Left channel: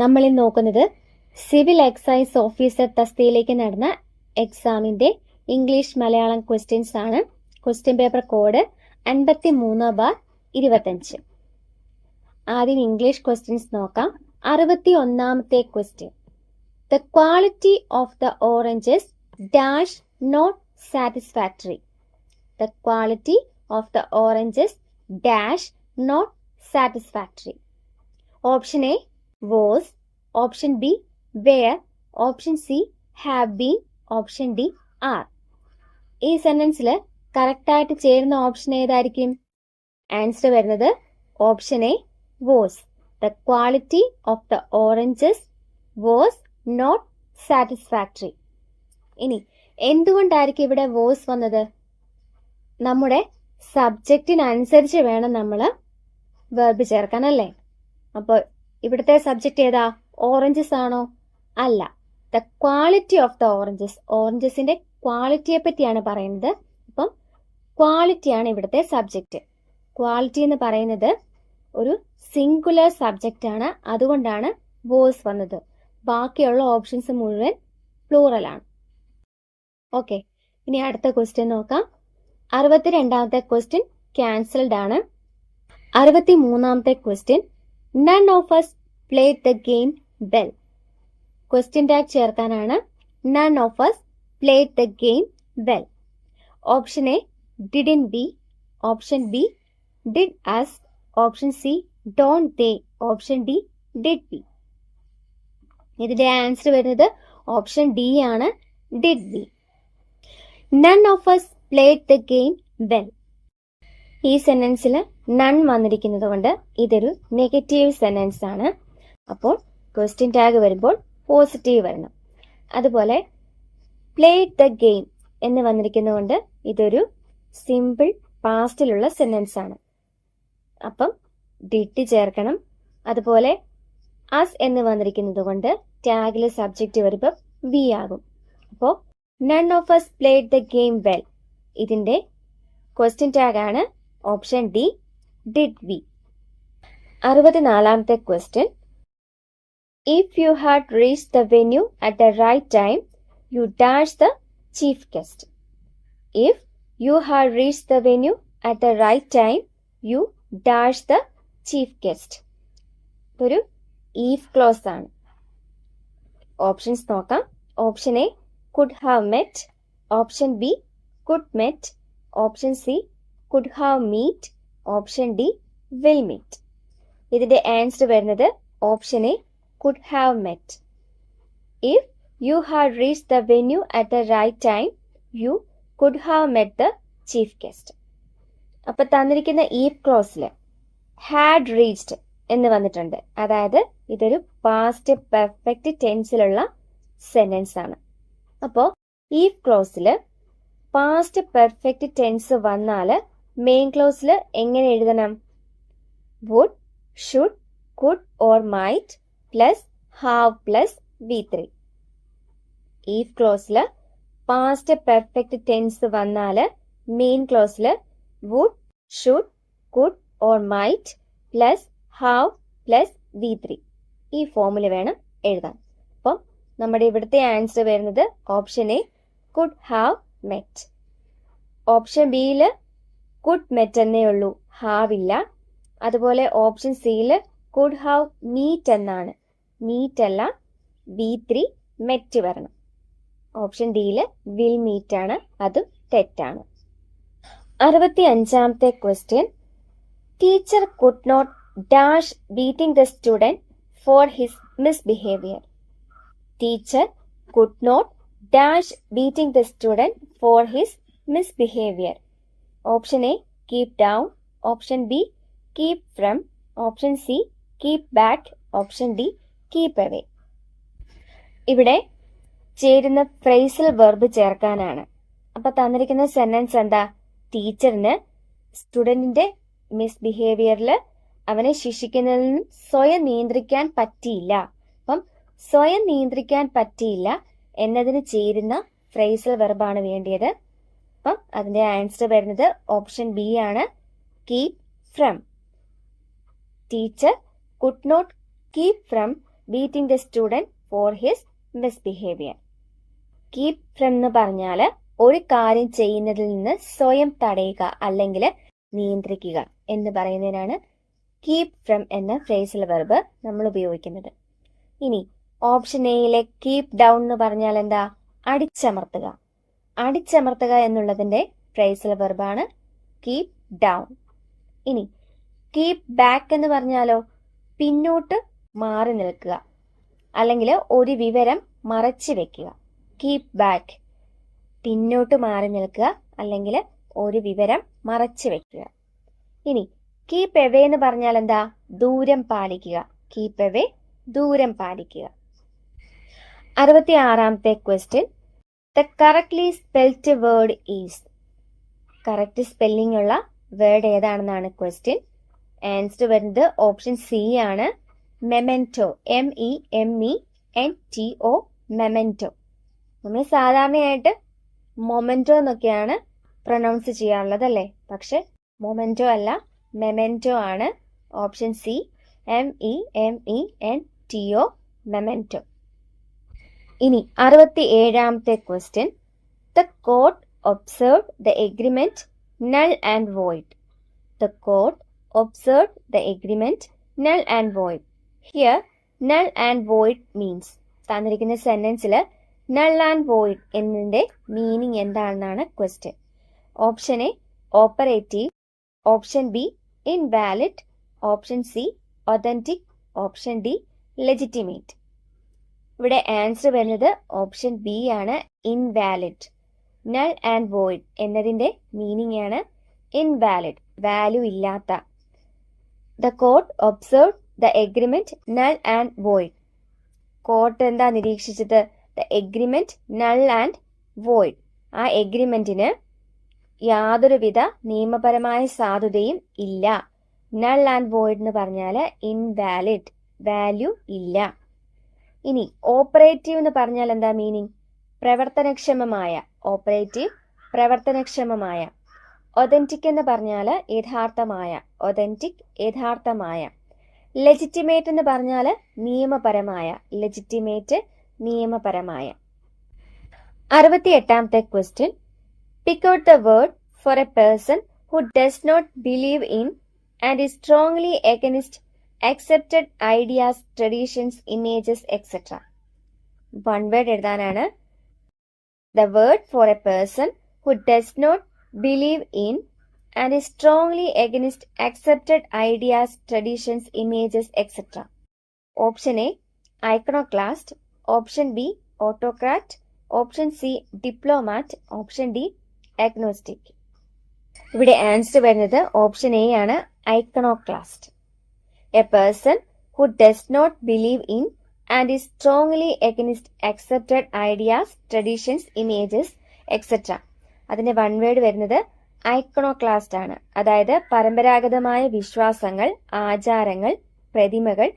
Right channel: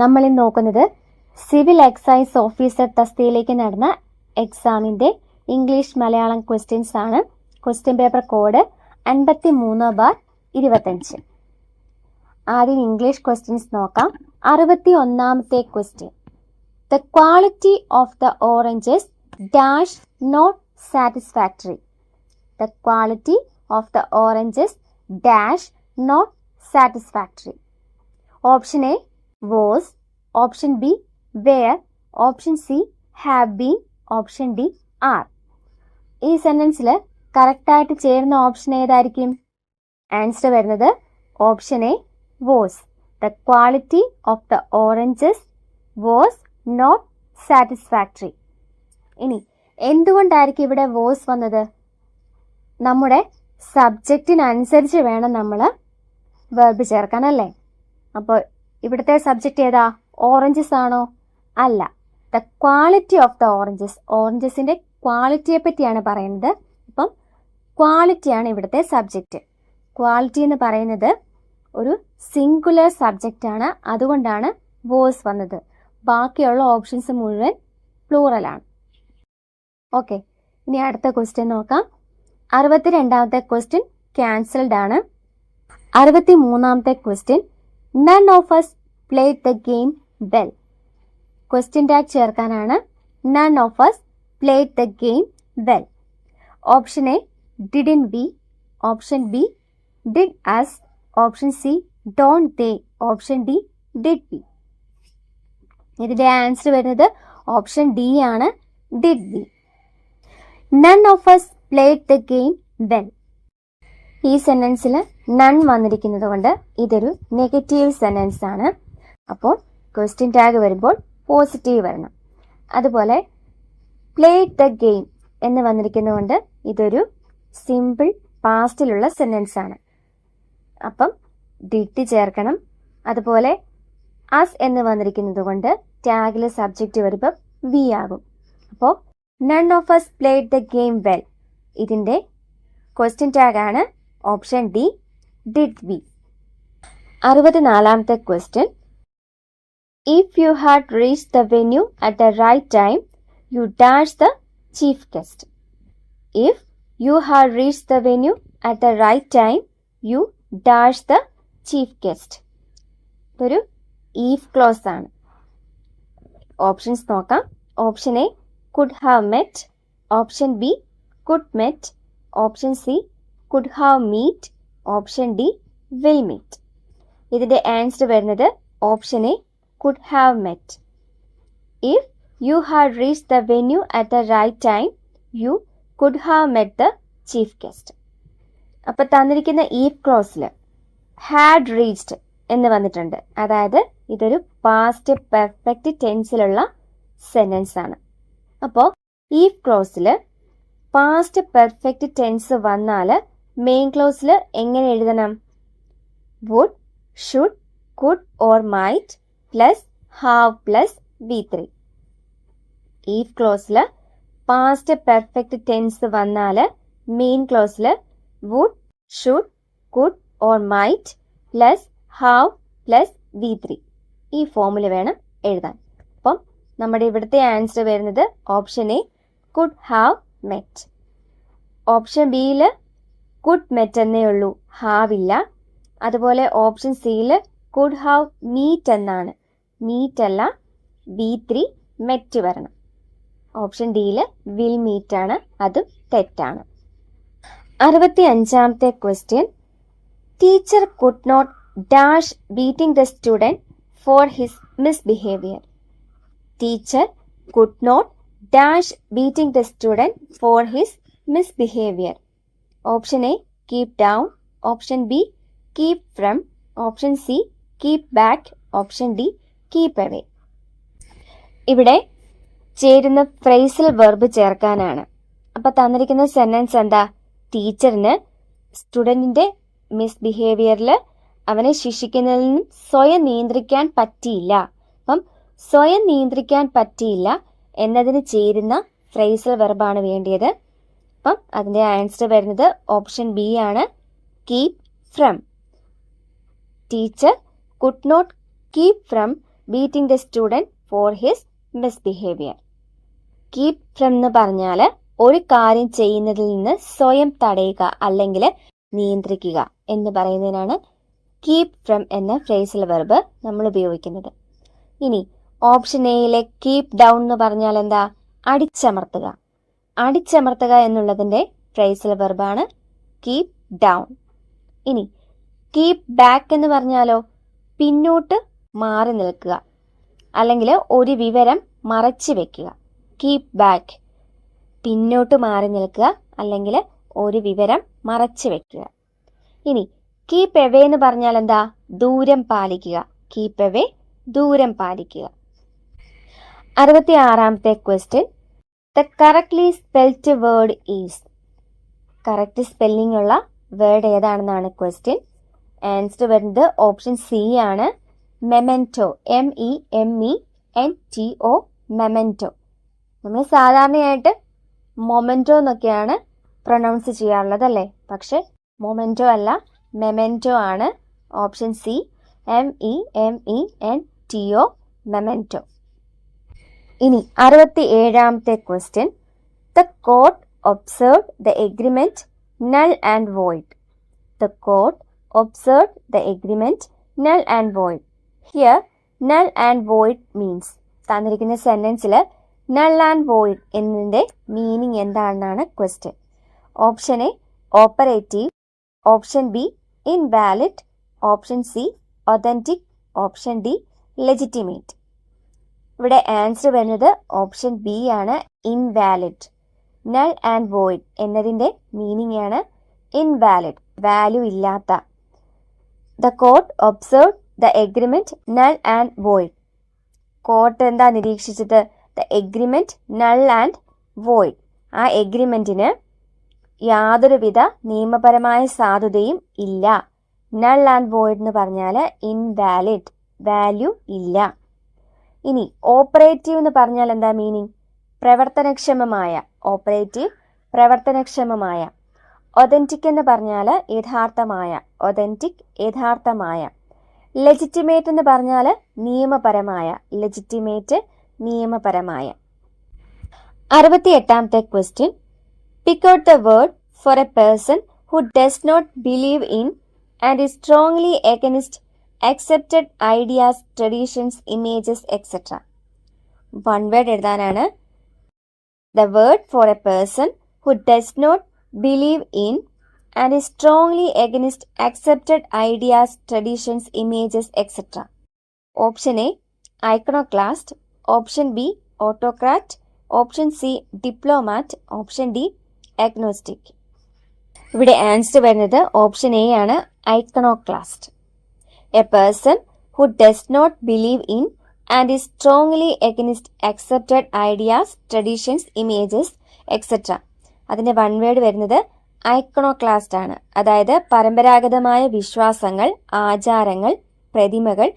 നമ്മൾ ഇന്ന് നോക്കുന്നത് സിവിൽ എക്സൈസ് ഓഫീസർ തസ്തികയിലേക്ക് നടന്ന എക്സാമിന്റെ ഇംഗ്ലീഷ് മലയാളം ക്വസ്റ്റ്യൻസ് ആണ്. Question paper code 53/25. ആദ്യം ഇംഗ്ലീഷ് ക്വസ്റ്റ്യൻസ് നോക്കാം. 61ാമത്തെ question. The quality of the oranges dash not satisfactory. The quality of the oranges dash not satisfactory. Option A was, option B were, option C have been, option D are. ഈ സെന്റൻസിൽ correct ആയിട്ട് ചേരുന്ന option ഏതായിരിക്കും? Answer വരുന്നത് option A was. The quality of the oranges was not satisfactory. ഇനി എന്തുകൊണ്ടായിരിക്കും ഇവിടെ was വന്നത്? നമ്മുടെ സബ്ജക്റ്റിനനുസരിച്ച് വേണം നമ്മൾ വെർബ് ചേർക്കാൻ, അല്ലേ? അപ്പോൾ ഇവിടുത്തെ സബ്ജക്റ്റ് ഏതാ? ഓറഞ്ചസ് ആണോ? അല്ല. The quality of the oranges, ഓറഞ്ചസിന്റെ ക്വാളിറ്റിയെ പറ്റിയാണ് പറയുന്നത്. അപ്പം ക്വാളിറ്റിയാണ് ഇവിടുത്തെ സബ്ജക്റ്റ്. ക്വാളിറ്റി എന്ന് പറയുന്നത് ഒരു സിംഗുലർ സബ്ജക്റ്റ് ആണ്, അതുകൊണ്ടാണ് വോസ് വന്നത്. ബാക്കിയുള്ള ഓപ്ഷൻസ് മുഴുവൻ പ്ലൂറലാണ്. ഓക്കെ, ഇനി അടുത്ത ക്വസ്റ്റ്യൻ നോക്കാം. 62ാമത്തെ ക്വസ്റ്റ്യൻ ക്യാൻസൽഡ് ആണ്. 63ാമത്തെ question. None of us played the game well. Question tag ചേർക്കാനാണ്. None of us played the game well. Option A, didn't we? Option B, did us? Option C, don't they? Option D, did we? ഇതിന്റെ answer വരുന്നത് option D ആണ്, did we. None of us played the game well. ഈ സെന്റൻസിൽ none വന്നിരിക്കുന്നത് കൊണ്ട് ഇതൊരു negative sentence ആണ്. അപ്പോൾ question tag വരുമ്പോൾ പോസിറ്റീവ് വരണം. അതുപോലെ പ്ലേഡ് ദ ഗെയിം എന്ന് വന്നിരിക്കുന്നതുകൊണ്ട് ഇതൊരു സിമ്പിൾ പാസ്റ്റിലുള്ള സെന്റൻസ് ആണ്. അപ്പം ഡിഡ് ചേർക്കണം. അതുപോലെ അസ് എന്ന് വന്നിരിക്കുന്നത് കൊണ്ട് ടാഗിൽ സബ്ജക്റ്റ് വരുമ്പോൾ വി ആകും. അപ്പോൾ none of us played the game well. ഇതിന്റെ ക്വസ്റ്റ്യൻ ടാഗ് ആണ് ഓപ്ഷൻ ഡി, ഡിഡ് വി. 64ാമത്തെ ക്വസ്റ്റ്യൻ. If you had reached the venue at the right time you dash the chief guest. If you had reached the venue at the right time you dash the chief guest. ഇതൊരു if clause ആണ്. Options നോക്കാം. Option A could have met. Option B could met. Option C could have meet. Option D will meet. ഇതിന്റെ answer വരുന്നത് option A could have met. If you had reached the venue at the right time, you could have met the chief guest. അപ്പൊ തന്നിരിക്കുന്ന if ക്ലോസിൽ had reached എന്ന് വന്നിട്ടുണ്ട്. അതായത് ഇതൊരു past perfect ടെൻസിലുള്ള sentence ആണ്. അപ്പോൾ ഈഫ് ക്ലോസിൽ പാസ്റ്റ് പെർഫെക്റ്റ് ടെൻസ് വന്നാൽ മെയിൻ ക്ലോസിൽ എങ്ങനെ എഴുതണം? Would, should, could or might plus have plus V3. If ക്ലോസിൽ പാസ്റ്റ് പെർഫെക്റ്റ് ടെൻസ് വന്നാൽ മെയിൻ ക്ലോസിൽ would, should, could or might plus have plus V3 ഈ ഫോമിൽ വേണം എഴുതാൻ. അപ്പം നമ്മുടെ ഇവിടുത്തെ ആൻസർ വരുന്നത് option A could have met. Option ബിയിൽ കുഡ് മെറ്റ് എന്നേ ഉള്ളൂ, ഹാവ് ഇല്ല. അതുപോലെ ഓപ്ഷൻ സിയിൽ കുഡ് ഹാവ് മീറ്റ് എന്നാണ്, മീറ്റ് അല്ല, V3 മെറ്റ് വരണം. ഓപ്ഷൻ ഡിയിൽ വിൽ മീറ്റ് ആണ്, അതും തെറ്റാണ്. 65ാമത്തെ question. Teacher could not dash beating the student for his misbehaviour. Teacher could not dash beating the student for his misbehavior. Option A, keep down. Option B, keep from. Option C, keep back. Option D, keep away. ഇവിടെ ചേരുന്ന phrasal verb ചേർക്കാനാണ്. അപ്പൊ തന്നിരിക്കുന്ന sentence എന്താ? ടീച്ചറിന് സ്റ്റുഡന്റിന്റെ മിസ്ബിഹേവിയറിൽ അവനെ ശിക്ഷിക്കുന്നതിൽ നിന്നും സ്വയം നിയന്ത്രിക്കാൻ പറ്റിയില്ല. അപ്പം സ്വയം നിയന്ത്രിക്കാൻ പറ്റിയില്ല എന്നതിന് ചേരുന്ന ഫ്രേസൽ വെർബാണ് വേണ്ടിയത്. അപ്പം അതിന്റെ ആൻസർ വരുന്നത് ഓപ്ഷൻ ബി ആണ്, keep from. Teacher could not keep from beating the student for his misbehaviour. Keep from എന്ന് പറഞ്ഞാൽ ഒരു കാര്യം ചെയ്യുന്നതിൽ നിന്ന് സ്വയം തടയുക അല്ലെങ്കിൽ നിയന്ത്രിക്കുക എന്ന് പറയുന്നതിനാണ് കീപ് ഫ്രം എന്ന ഫ്രേസൽ വെർബ് നമ്മൾ ഉപയോഗിക്കുന്നത്. ഇനി ഓപ്ഷൻ എയിലെ കീപ് ഡൗൺ എന്ന് പറഞ്ഞാൽ എന്താ? അടിച്ചമർത്തുക. അടിച്ചമർത്തുക എന്നുള്ളതിന്റെ ഫ്രേസൽ വെർബാണ് കീപ് ഡൗൺ. ഇനി കീപ് ബാക്ക് എന്ന് പറഞ്ഞാലോ? പിന്നോട്ട് മാറി നിൽക്കുക അല്ലെങ്കിൽ ഒരു വിവരം മറച്ചു വെക്കുക. കീപ് ബാക്ക് പിന്നോട്ട് മാറി നിൽക്കുക അല്ലെങ്കിൽ ഒരു വിവരം മറച്ചു വെക്കുക. ഇനി കീപ് എവേ എന്ന് പറഞ്ഞാൽ എന്താ? ദൂരം പാലിക്കുക. കീപ് എവേ ദൂരം പാലിക്കുക. 66ാമത്തെ question, the correctly spelled word is. Correct spelling ഉള്ള വേർഡ് ഏതാണെന്നാണ് ക്വസ്റ്റ്യൻ. ആൻസർ വരുന്നത് ഓപ്ഷൻ സി ആണ്, മെമെന്റോ. MEMENTO, memento. നമ്മൾ സാധാരണയായിട്ട് മൊമെന്റോ എന്നൊക്കെയാണ് പ്രൊനൗൺസ് ചെയ്യാറുള്ളത് അല്ലേ? പക്ഷെ മൊമെന്റോ അല്ല, മെമെന്റോ ആണ്. Option C, MEMENTO, memento. ഇനി 67ാമത്തെ question, the court observed the agreement null and void. The court observed the agreement null and void. Here null and void means, തന്നിരിക്കുന്ന സെന്റൻസിൽ null and void എന്നതിന്റെ meaning എന്താണെന്നാണ് question. Option A operative, option B invalid, option C authentic, option D legitimate. ഇവിടെ answer വരുന്നത് option B ആണ്, invalid. Null and void എന്നതിന്റെ meaning ആണ് invalid, value ഇല്ലാത്ത. The court observe the agreement null and void. Court എന്താ നിരീക്ഷിച്ചത്? The agreement null and void. ആ എഗ്രിമെന്റിന് യാതൊരുവിധ നിയമപരമായ സാധുതയും ഇല്ല. നൾ ആൻഡ് വോയിഡ് എന്ന് പറഞ്ഞാൽ ഇൻവാലിഡ്, വാല്യൂ ഇല്ല. ഇനി ഓപ്പറേറ്റീവ് എന്ന് പറഞ്ഞാൽ എന്താ മീനിങ്? പ്രവർത്തനക്ഷമമായ. ഓപ്പറേറ്റീവ് പ്രവർത്തനക്ഷമമായ. ഒതന്റിക് എന്ന് പറഞ്ഞാൽ യഥാർത്ഥമായ. ഒതന്റിക് യഥാർത്ഥമായ. ലെജിറ്റിമേറ്റ് എന്ന് പറഞ്ഞാൽ നിയമപരമായ. ലെജിറ്റിമേറ്റ് നിയമപരമായ. 68ാമത്തെ question, pick out the word for a person who does not believe in and is strongly against accepted ideas, traditions, images, etc. One word എഴുതാനാണ്. The word for a person who does not believe in and is strongly against accepted ideas, traditions, images, etc. Option A, iconoclast. Option B, autocrat. Option C, diplomat. Option D, agnostic. ഇവിടെ answer വരുന്നത് option A ആണ്, iconoclast. A person who does not believe in and is strongly against accepted ideas, traditions, images, etc. അതിന്റെ one word വരുന്നത് ഐക്കണോക്ലാസ്റ്റ് ആണ്. അതായത് പരമ്പരാഗതമായ വിശ്വാസങ്ങൾ, ആചാരങ്ങൾ, പ്രതിമകൾ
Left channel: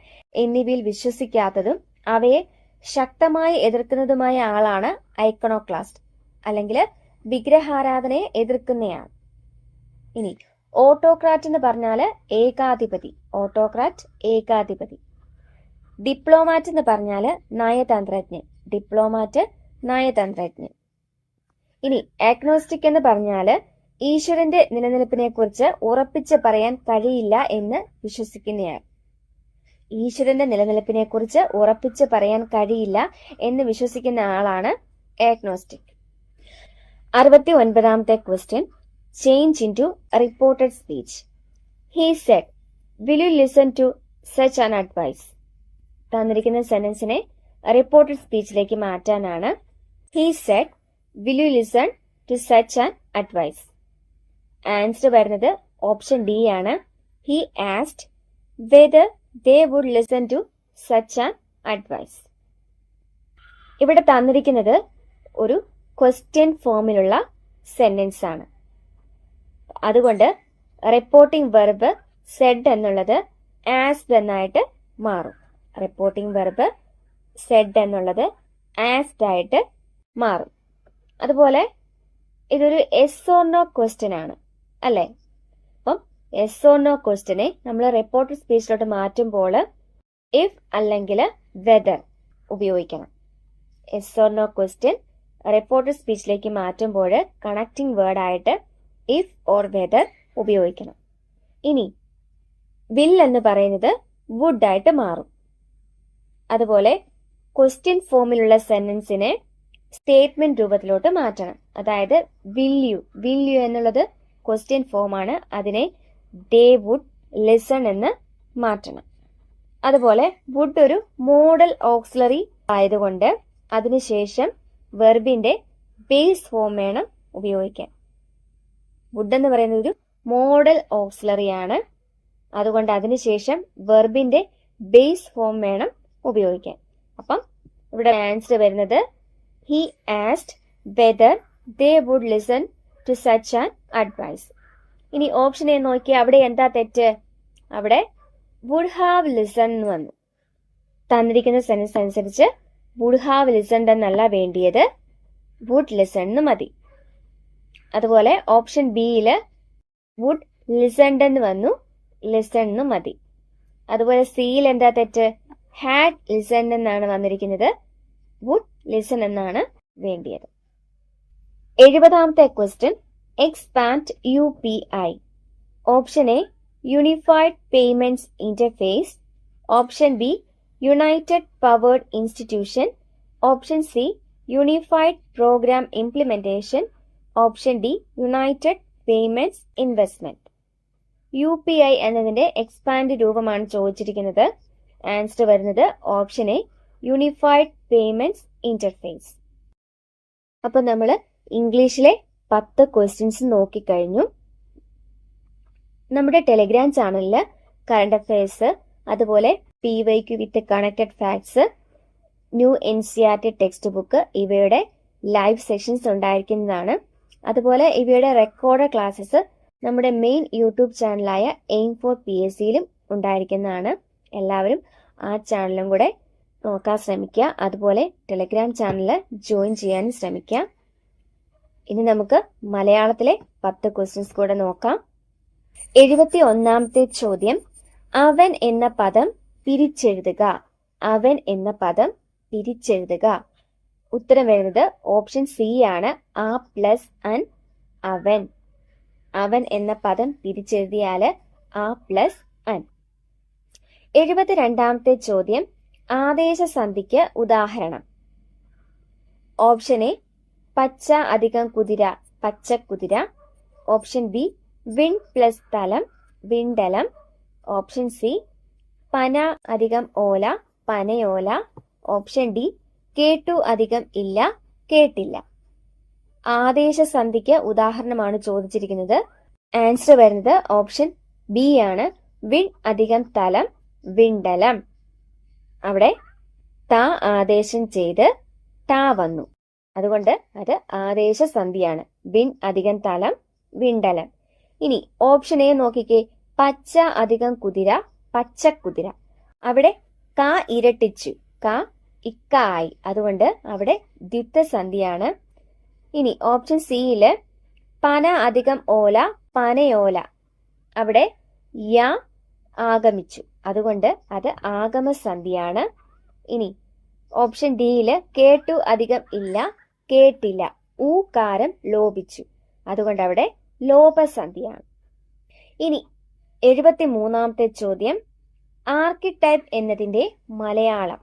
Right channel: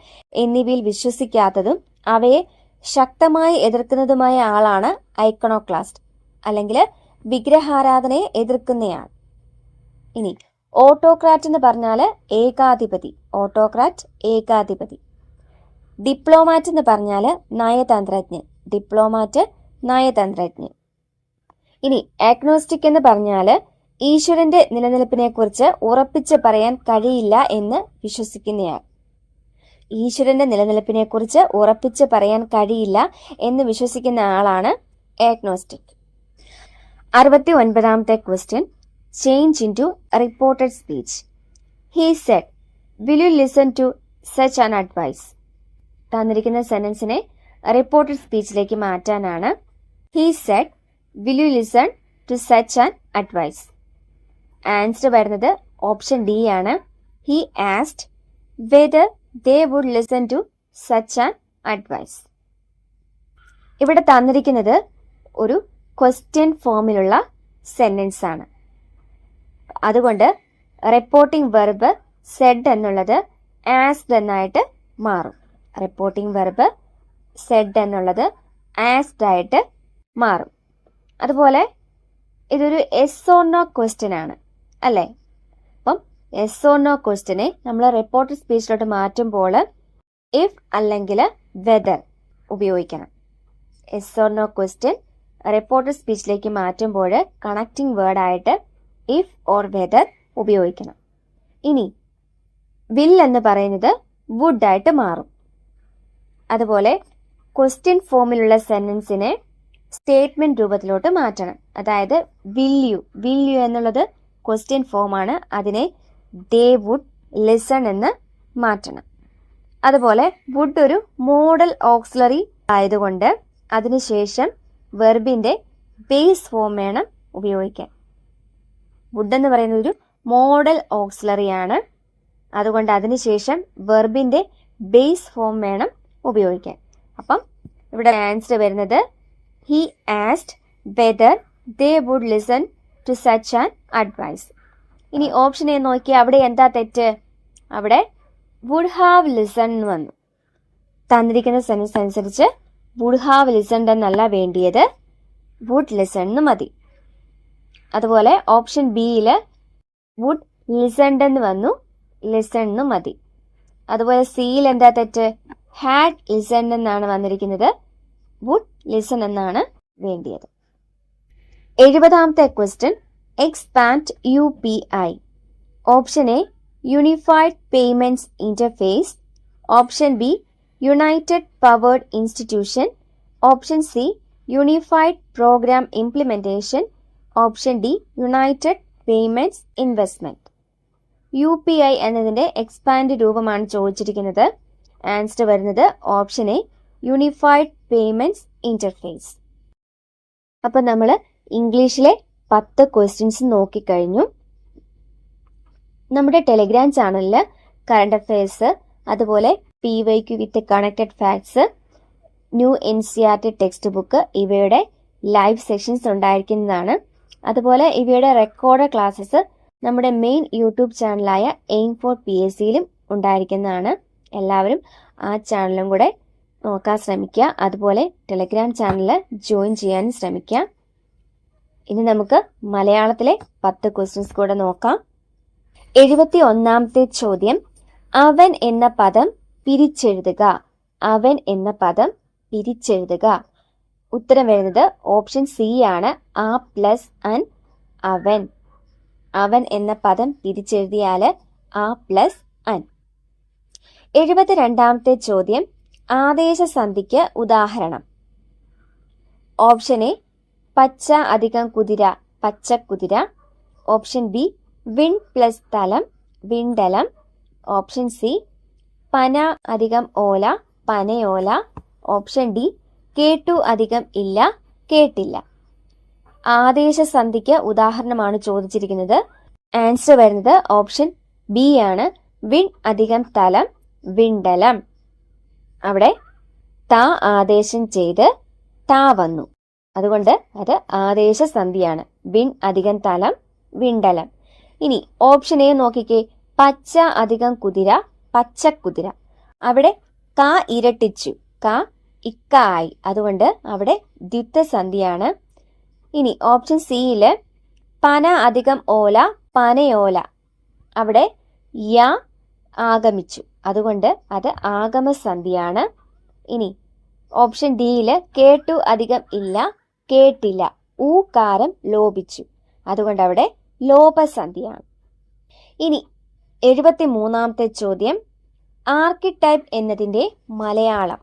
എന്നിവയിൽ വിശ്വസിക്കാത്തതും അവയെ ശക്തമായി എതിർക്കുന്നതുമായ ആളാണ് ഐക്കണോക്ലാസ്റ്റ്, അല്ലെങ്കിൽ വിഗ്രഹാരാധനയെ എതിർക്കുന്നയാൾ. ഇനി ഓട്ടോക്രാറ്റ് എന്ന് പറഞ്ഞാൽ ഏകാധിപതി. ഓട്ടോക്രാറ്റ് ഏകാധിപതി. ഡിപ്ലോമാറ്റ് എന്ന് പറഞ്ഞാൽ നയതന്ത്രജ്ഞൻ. ഡിപ്ലോമാറ്റ് നയതന്ത്രജ്ഞൻ. ഇനി ആഗ്നോസ്റ്റിക് എന്ന് പറഞ്ഞാൽ ഈശ്വരന്റെ നിലനിൽപ്പിനെ കുറിച്ച് ഉറപ്പിച്ച് പറയാൻ കഴിയില്ല എന്ന് വിശ്വസിക്കുന്നയാൾ. ഈശ്വരന്റെ നിലനിൽപ്പിനെ കുറിച്ച് ഉറപ്പിച്ച് പറയാൻ കഴിയില്ല എന്ന് വിശ്വസിക്കുന്ന ആളാണ് ആഗ്നോസ്റ്റിക്. 69ാമത്തെ question, change into reported speech. He said, will you listen to such an advice? തന്നിരിക്കുന്ന സെന്റൻസിനെ റിപ്പോർട്ടഡ് സ്പീച്ചിലേക്ക് മാറ്റാനാണ്. He said, will you listen to such an advice? Answer വരുന്നത് ഓപ്ഷൻ ഡി ആണ്. He asked whether they would listen to such an advice. ഇവിടെ തന്നിരിക്കുന്നത് ഒരു question ഫോമിലുള്ള sentence ആണ്. അതുകൊണ്ട് റിപ്പോർട്ടിംഗ് വെർബ് സെഡ് എന്നുള്ളത് ആസ്ഡ് എന്നായിട്ട് മാറും. റിപ്പോർട്ടിംഗ് വെർബ് സെഡ് എന്നുള്ളത് ആസ്ഡ് ആയിട്ട് മാറും. അതുപോലെ ഇതൊരു എസ് ഓർ നോ ക്വസ്റ്റ്യൻ ആണ് അല്ലേ? അപ്പം എസ് ഓർ നോ ക്വസ്റ്റ്യനെ നമ്മൾ റിപ്പോർട്ടഡ് സ്പീച്ചിലോട്ട് മാറ്റുമ്പോൾ ഇഫ് അല്ലെങ്കിൽ വെദർ ഉപയോഗിക്കണം. Yes or no question reported സ്പീച്ചിലേക്ക് മാറ്റുമ്പോൾ കണക്റ്റിംഗ് വേർഡായിട്ട് ഇഫ് ഓർ വെദർ ഉപയോഗിക്കണം. ഇനി വിൽ എന്ന് പറയുന്നത് വുഡ് ആയിട്ട് മാറും. അതുപോലെ ക്വസ്റ്റ്യൻ ഫോമിലുള്ള സെന്റൻസിനെ സ്റ്റേറ്റ്മെന്റ് രൂപത്തിലോട്ട് മാറ്റണം. അതായത് വിൽ യു എന്നുള്ളത് ക്വസ്റ്റ്യൻ ഫോമാണ്. അതിനെ ദേ വുഡ് ലിസൺ എന്ന് മാറ്റണം. അതുപോലെ വുഡ് ഒരു മോഡൽ ഓക്സിലറി ആയതുകൊണ്ട് അതിനുശേഷം വെർബിന്റെ ബേസ് ഫോം വേണം ഉപയോഗിക്കാൻ. വുഡ് എന്ന് പറയുന്നത് ഒരു മോഡൽ ഓക്സിലറി ആണ്. അതുകൊണ്ട് അതിനുശേഷം വെർബിന്റെ ബേസ് ഫോം വേണം ഉപയോഗിക്കാൻ. അപ്പം ഇവിടെ ആൻസർ വരുന്നത് he asked whether they would listen to such an advice. ഇനി ഓപ്ഷൻ എ നോക്കി, അവിടെ എന്താ തെറ്റ്? അവിടെ വുഡ് ഹാവ് ലിസൺ എന്ന് വന്നു. തന്നിരിക്കുന്ന സെൻറ്റൻസ് അനുസരിച്ച് വുഡ് ഹാവ് ലിസൺഡ് എന്നല്ല വേണ്ടിയത്, വുഡ് ലിസൺ എന്ന് മതി. അതുപോലെ ഓപ്ഷൻ ബിയിൽ വുഡ് ലിസൺഡ് എന്ന് വന്നു, ലിസൺ എന്ന് മതി. അതുപോലെ സിയിൽ എന്താ തെറ്റ്? ഹാഡ് ലിസൺഡ് എന്നാണ് വന്നിരിക്കുന്നത്, വുഡ് ലിസൺ എന്നാണ് വേണ്ടിയത്. 70ാമത്തെ question, expand UPI. Option A unified payments interface, option B united powered institution, option C unified programme implementation, option D united payments investment. UPI എന്നതിന്റെ എക്സ്പാൻഡ് രൂപമാണ് ചോദിച്ചിരിക്കുന്നത്. ആൻസർ വരുന്നത് option A unified payments interface. അപ്പൊ നമ്മൾ ഇംഗ്ലീഷിലെ 10 questions നോക്കിക്കഴിഞ്ഞു. നമ്മുടെ Telegram ചാനലിൽ കറണ്ട് അഫയേഴ്സ്, അതുപോലെ PYQ with connected facts, new NCERT textbook ഇവയുടെ ലൈവ് സെഷൻസ് ഉണ്ടായിരിക്കുന്നതാണ്. അതുപോലെ ഇവയുടെ റെക്കോർഡ് ക്ലാസ്സസ് നമ്മുടെ മെയിൻ യൂട്യൂബ് ചാനലായ എയിം ഫോർ PSCയിലും ഉണ്ടായിരിക്കുന്നതാണ്. എല്ലാവരും ആ ചാനലും കൂടെ നോക്കാൻ ശ്രമിക്കുക. അതുപോലെ ടെലിഗ്രാം ചാനൽ ജോയിൻ ചെയ്യാനും ശ്രമിക്കുക. ഇനി നമുക്ക് മലയാളത്തിലെ 10 ക്വസ്റ്റ്യൻസ് കൂടെ നോക്കാം. 71ാമത്തെ ചോദ്യം, അവൻ എന്ന പദം പിരിച്ചെഴുതുക. അവൻ എന്ന പദം പിരിച്ചെഴുതുക. ഉത്തരം വരുന്നത് ഓപ്ഷൻ സി ആണ്, ആ പ്ലസ് അൻ അവൻ. അവൻ എന്ന പദം പിരിച്ചെഴുതിയാൽ ആ പ്ലസ് അൻ. 72ാമത്തെ ചോദ്യം, ആദേശസന്ധിക്ക് ഉദാഹരണം. ഓപ്ഷൻ എ പച്ച അധികം കുതിര, പച്ചക്കുതിര. ഓപ്ഷൻ ബി വിൺ പ്ലസ് തലം, വിണ്ടലം. ഓപ്ഷൻ സി പന അധികം ഓല, പനയോല. ഓപ്ഷൻ ഡി കേട്ടു അധികം ഇല്ല, കേട്ടില്ല. ആദേശസന്ധിക്ക് ഉദാഹരണമാണ് ചോദിച്ചിരിക്കുന്നത്. ആൻസർ വരുന്നത് ഓപ്ഷൻ ബി ആണ്, വിൺ അധികം തലം, വിണ്ടലം. അവിടെ ത ആദേശം ചെയ്ത് ടാ വന്നു, അതുകൊണ്ട് അത് ആദേശസന്ധിയാണ്. വിൺ അധികം തലം, വിണ്ടലം. ഇനി ഓപ്ഷൻ എ നോക്കിക്കേ, പച്ച അധികം കുതിര, പച്ചക്കുതിര. അവിടെ ക ഇരട്ടിച്ചു, ക ഇക്ക ആയി, അതുകൊണ്ട് അവിടെ ദ്വിത്വസന്ധിയാണ്. ഇനി ഓപ്ഷൻ സിയില് പന അധികം ഓല, പനയോല. അവിടെ യ ആഗമിച്ചു, അതുകൊണ്ട് അത് ആഗമസന്ധിയാണ്. ഇനി ഓപ്ഷൻ ഡിയില് കേട്ടു അധികം ഇല്ല, കേട്ടില്ല. ഊകാരം ലോപിച്ചു, അതുകൊണ്ട് അവിടെ ലോപസന്ധിയാണ്. ഇനി 73ാമത്തെ ചോദ്യം, ആർക്കിടൈപ്പ് എന്നതിന്റെ മലയാളം.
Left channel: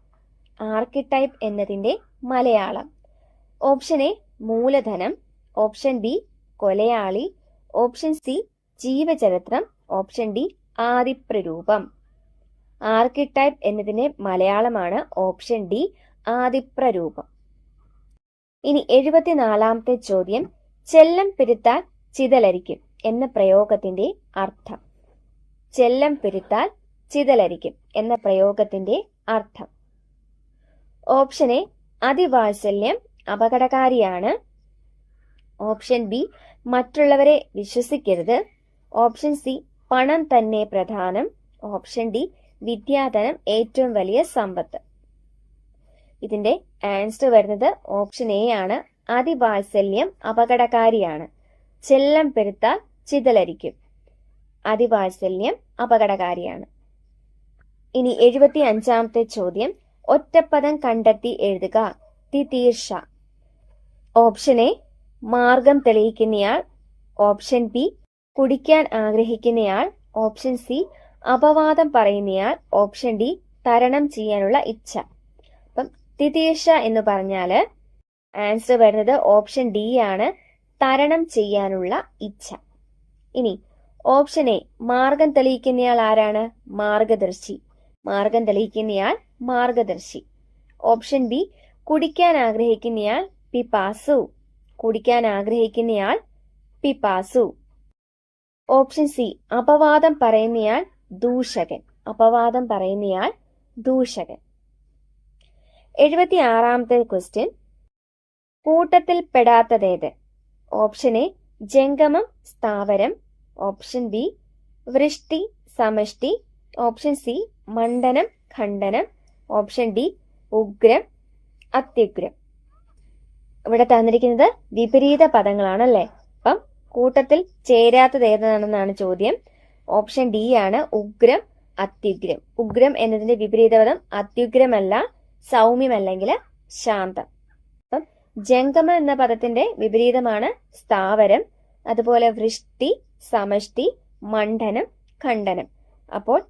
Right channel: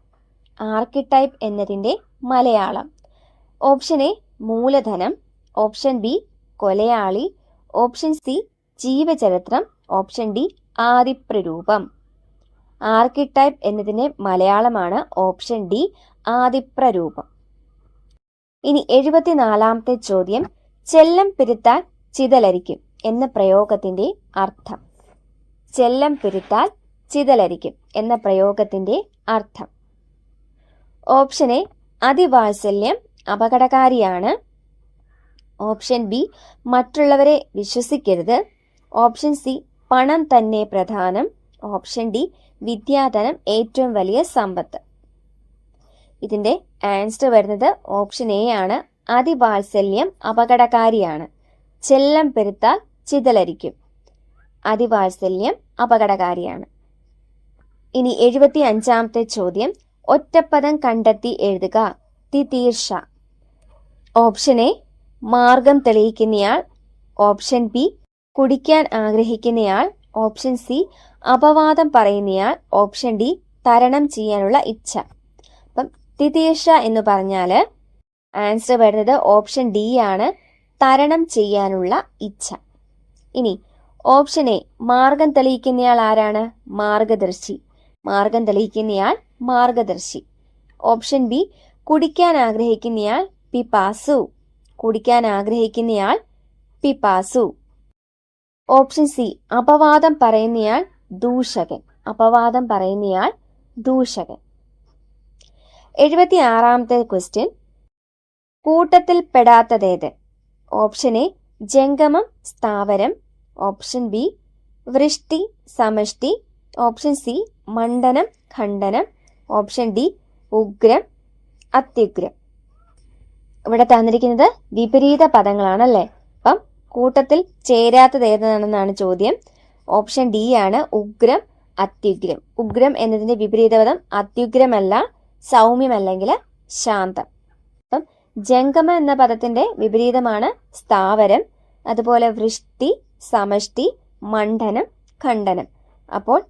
ആർക്കിടൈപ്പ് എന്നതിന്റെ മലയാളം. ഓപ്ഷൻ എ മൂലധനം, ഓപ്ഷൻ ബി കൊലയാളി, ഓപ്ഷൻ സി ജീവചരിത്രം, ഓപ്ഷൻ ഡി ആദിപ്രരൂപം. ആർക്കിടൈപ്പ് എന്നതിന്റെ മലയാളമാണ് ഓപ്ഷൻ ഡി ആദിപ്രരൂപം. ഇനി 74ാമത്തെ ചോദ്യം, ചെല്ലം പിരുത്താൽ ചിതലരിക്കും എന്ന പ്രയോഗത്തിന്റെ അർത്ഥം. ചെല്ലം പിരുത്താൽ ചിതലരിക്കും എന്ന പ്രയോഗത്തിന്റെ അർത്ഥം. ഓപ്ഷൻ എ അതിവാത്സല്യം അപകടകാരിയാണ്. ഓപ്ഷൻ ബി മറ്റുള്ളവരെ വിശ്വസിക്കരുത്. ഓപ്ഷൻ സി പണം തന്നെ പ്രധാനം. ഓപ്ഷൻ ഡി വിദ്യാധനം ഏറ്റവും വലിയ സമ്പത്ത്. ഇതിന്റെ ആൻസർ വരുന്നത് ഓപ്ഷൻ എ ആണ്, അതിവാത്സല്യം അപകടകാരിയാണ്. ചെല്ലം പെരുത്താൽ ചിതലരിക്കും. അതിവാത്സല്യം അപകടകാരിയാണ്. ഇനി 75-ാമത്തെ ചോദ്യം, ഒറ്റപ്പദം കണ്ടെത്തി എഴുതുക. തിതീർഷ. ഓപ്ഷൻ എ മാർഗം തെളിയിക്കുന്നയാൾ, ഓപ്ഷൻ ബി കുടിക്കാൻ ആഗ്രഹിക്കുന്നയാൾ, ഓപ്ഷൻ സി അപവാദം പറയുന്നയാൾ, ഓപ്ഷൻ ഡി തരണം ചെയ്യാനുള്ള ഇച്ഛ. അപ്പം തിതീർഷ എന്ന് പറഞ്ഞാൽ ആൻസർ വരുന്നത് ഓപ്ഷൻ ഡി ആണ്, തരണം ചെയ്യാനുള്ള ഇച്ഛ. ഇനി ഓപ്ഷൻ എ മാർഗം തെളിയിക്കുന്നയാൾ ആരാണ്? മാർഗദർശി. മാർഗം തെളിയിക്കുന്നയാൾ മാർഗദർശി. ഓപ്ഷൻ ബി കുടിക്കാൻ ആഗ്രഹിക്കുന്നയാൾ പിപാസു. കുടിക്കാൻ ആഗ്രഹിക്കുന്നയാൾ പിപാസു. ഓപ്ഷൻ സി അപവാദം പറയുന്നയാൾ ദൂഷകൻ. അപവാദം പറയുന്നയാൾ ദൂഷകൻ. 76-ാമത്തെ ക്വസ്റ്റ്യൻ, കൂട്ടത്തിൽ പെടാത്തതേത്? ഓപ്ഷൻ എ ജംഗമം സ്ഥാവരം, ഓപ്ഷൻ ബി വൃഷ്ടി സമഷ്ടി, ഓപ്ഷൻ സി മണ്ഡനം ഖണ്ഡനം, ഓപ്ഷൻ ഡി ഉഗ്രം അത്യുഗ്രം. ഇവിടെ തന്നിരിക്കുന്നത് വിപരീത പദങ്ങളാണല്ലേ. അപ്പം കൂട്ടത്തിൽ ചേരാത്തത് ഏതാണെന്നാണ് ചോദ്യം. ഓപ്ഷൻ ഡി ആണ് ഉഗ്രം അത്യുഗ്രം. ഉഗ്രം എന്നതിന്റെ വിപരീത പദം അത്യുഗ്രമല്ല, സൗമ്യമല്ലെങ്കിൽ ശാന്തം. അപ്പം ജംഗമ എന്ന പദത്തിന്റെ വിപരീതമാണ് സ്ഥാവരം. അതുപോലെ വൃഷ്ടി സമഷ്ടി മണ്ഡനം ഖണ്ഡനം. അപ്പോൾ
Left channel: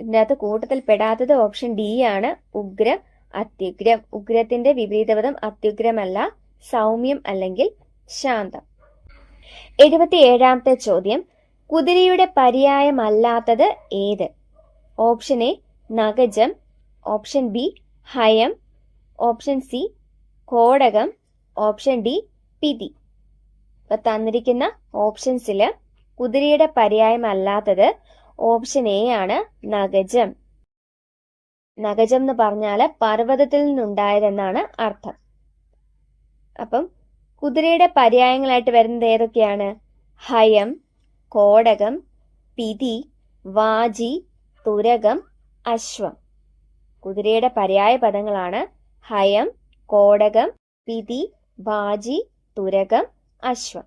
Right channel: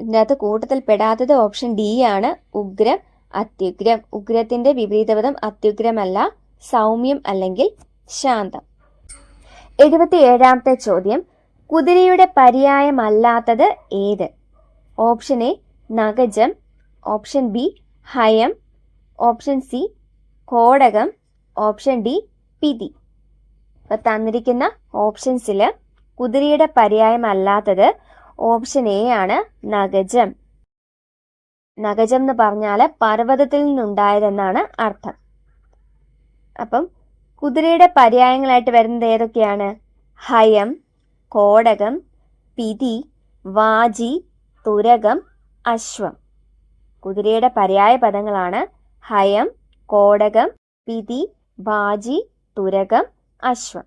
ഇതിനകത്ത് കൂട്ടത്തിൽ പെടാത്തത് ഓപ്ഷൻ ഡി ആണ്, ഉഗ്രം അത്യുഗ്രം. ഉഗ്രത്തിന്റെ വിപരീതപദം അത്യുഗ്രമല്ല, സൗമ്യം അല്ലെങ്കിൽ ശാന്തം. 77-ാമത്തെ ചോദ്യം, കുതിരയുടെ പര്യായമല്ലാത്തത് ഏത്? ഓപ്ഷൻ എ നഗജം, ഓപ്ഷൻ ബി ഹയം, ഓപ്ഷൻ സി കോടകം, ഓപ്ഷൻ ഡി പിതി. അപ്പൊ തന്നിരിക്കുന്ന ഓപ്ഷൻസിൽ കുതിരയുടെ പര്യായമല്ലാത്തത് ഓപ്ഷൻ എ ആണ്, നഗജം. നഗജം എന്ന് പറഞ്ഞാൽ പർവ്വതത്തിൽ നിന്നുണ്ടായതെന്നാണ് അർത്ഥം. അപ്പം കുതിരയുടെ പര്യായങ്ങളായിട്ട് വരുന്നത് ഏതൊക്കെയാണ്? ഹയം, കോടകം, പിതി, വാജി, തുരകം, അശ്വം. കുതിരയുടെ പര്യായ പദങ്ങളാണ് ഹയം, കോടകം, പിതി, വാജി, തുരകം, അശ്വം.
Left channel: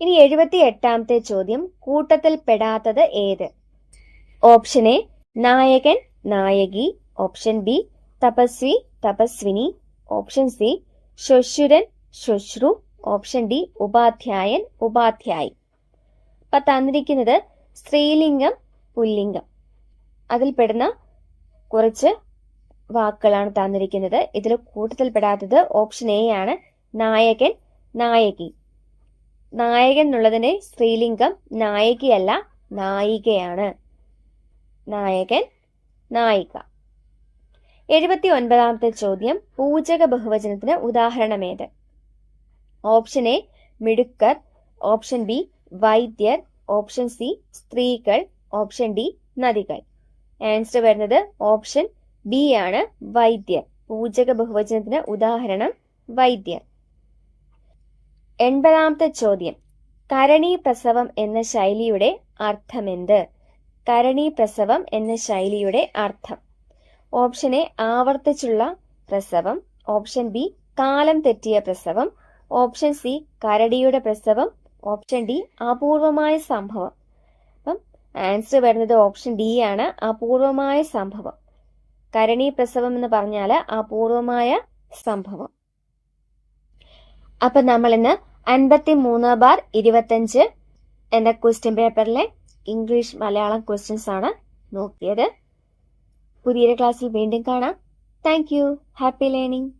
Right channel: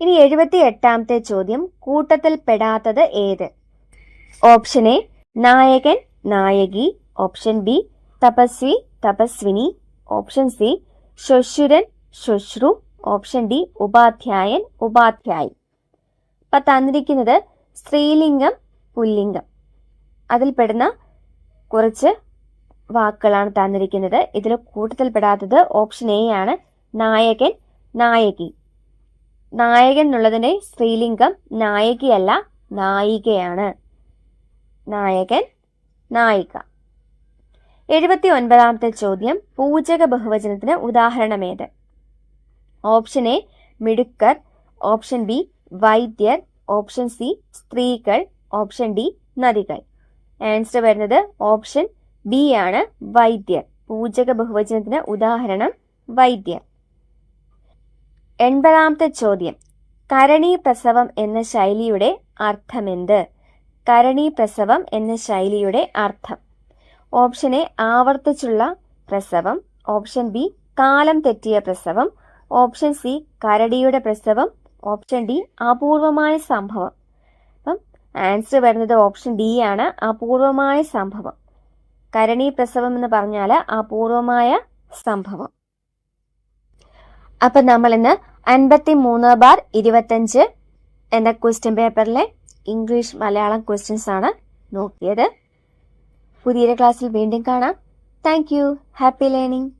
ഇനി 78-ാമത്തെ ചോദ്യം, കൂട്ടത്തിൽ പെടാത്തത് ഏത്? ഓപ്ഷൻ എ നായകൻ നായകി, ഓപ്ഷൻ ബി തപസ്വി തപസ്വിനി, ഓപ്ഷൻ സി ശ്വശുരൻ ശ്വശ്രു, ഓപ്ഷൻ ഡി ഉപാധ്യായൻ ഉപാധ്യായി. അപ്പൊ തന്നിരിക്കുന്നത് സ്ത്രീലിംഗം പുല്ലിംഗം അതിൽ പെടുന്ന കുറച്ച് വാക്കുകളാണ് തന്നിരിക്കുന്നത്. ഇതിൽ കൂട്ടത്തിൽ പെടാത്തത് ഓപ്ഷൻ എ ആണ്, നായകൻ നായകി. നായകൻ എന്നുള്ളതിന്റെ സ്ത്രീലിംഗം നായകിയല്ല, നായികയാണ്. നായകൻ നായിക. 79-ാമത്തെ ചോദ്യം, പൂജക ബഹുവചനത്തിന് ഉദാഹരണമേത്? ഓപ്ഷൻ എ മിടുക്കർ, ഓപ്ഷൻ ബി വൈദ്യർ, ഓപ്ഷൻ സി സ്ത്രീകൾ, ഓപ്ഷൻ ഡി നദികൾ. ആൻസർ വരുന്നത് ഓപ്ഷൻ ബി ആണ്, വൈദ്യർ. പൂജക ബഹുവചനത്തിന് ഉദാഹരണം വൈദ്യർ. 80-ാമത്തെ ചോദ്യം, കരണീ പ്രസവം എന്ന ശൈലിയുടെ അർത്ഥമെന്ത്? കരണീ പ്രസവം എന്ന ശൈലിയുടെ അർത്ഥം. ഓപ്ഷൻ എ ആവർത്തിച്ചുള്ള പ്രസവം, ഓപ്ഷൻ ബി കാലം തെറ്റിയ പ്രസവം, ഓപ്ഷൻ സി കരടിയുടെ പ്രസവം, ഓപ്ഷൻ ഡി അപൂർവമായ സംഭവം. അപ്പം ആൻസർ വരുന്നത് ഓപ്ഷൻ ഡി ആണ്, അപൂർവമായ സംഭവം. കരണീ പ്രസവം എന്ന് പറഞ്ഞാൽ അപൂർവമായ സംഭവം. അപ്പൊ നമ്മൾ ഇന്ന് 53/25 എന്ന ക്വസ്റ്റ്യൻ പേപ്പറിലെ ഇംഗ്ലീഷ് മലയാളം ക്വസ്റ്റ്യൻസ് ആണ് നോക്കിയത്. പുതിയൊരു ക്ലാസ്സിൽ വീണ്ടും കാണാം. Thank you. Happy learning.